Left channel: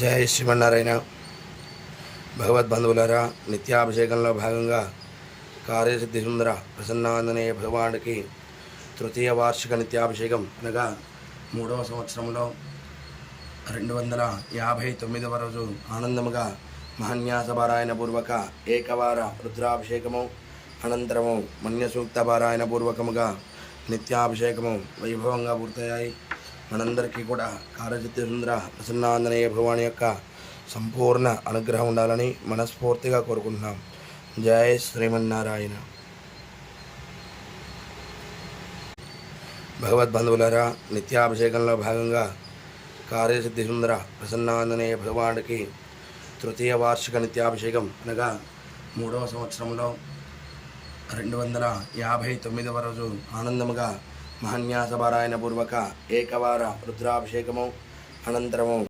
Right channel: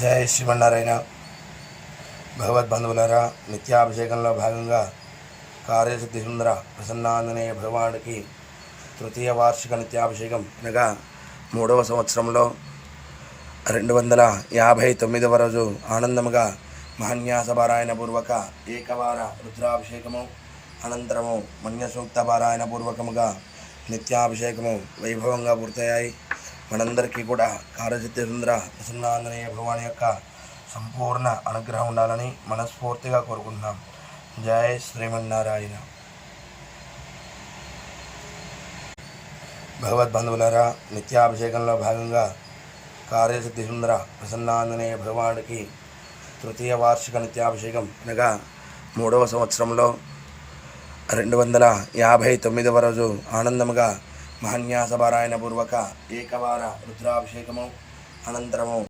జై శ్రీమన్నారాయణ. భగవద్బంధువులారా, నిత్యాభిషేకంలో భాగంగా కార్యసిద్ధి సుందర ప్రసన్నాంజనేయ భగవానుడికి తృతీయ వార్షిక నిత్యాభిషేకం అనగా 3వ సంవత్సరంలో 259వ రోజు ఆనందముగా మహాన్యాస పారాయణ పూర్వక ఏకవార రుద్రాభిషేకము అనంతరము మన్యసూక్త పారాయణ పూర్వకముగా నిత్యాభిషేకము వైభవంగా పూర్తయ్యాయి. మనందరికీ కూడా కార్యసిద్ధి సుందర ప్రసన్నాంజనేయ భగవాని యొక్క సంపూర్ణ అనుగ్రహం ఉండాలని మనస్ఫూర్తిగా కోరుకుంటున్నాం. జై శ్రీమన్నారాయణ. భగవద్బంధువులారా, నిత్యాభిషేకంలో భాగంగా కార్యసిద్ధి సుందర ప్రసన్నాంజనేయ భగవానుడికి తృతీయ వార్షిక నిత్యాభిషేకం అనగా 3వ సంవత్సరంలో 259వ రోజు ఆనందముగా మహాన్యాస పారాయణ పూర్వక ఏకవార రుద్రాభిషేకము అనంతరము